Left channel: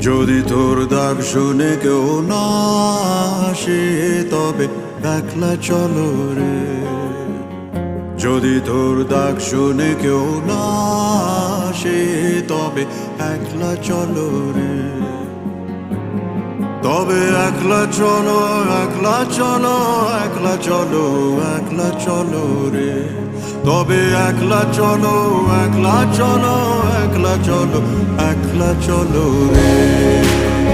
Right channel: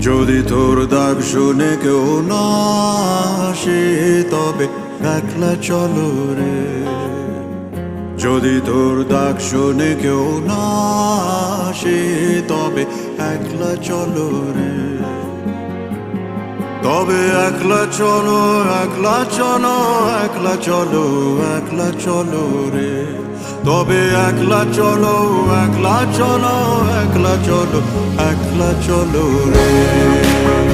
যদি তোর ডাক শুনে কেউ না আসে তবে একলা চলো রে। যদি তোর ডাক শুনে কেউ না আসে তবে একলা চলো রে। তবে একলা চলো, একলা চলো, একলা চলো, একলা চলো রে। তবে একলা চলো, একলা চলো, একলা চলো, একলা চলো রে।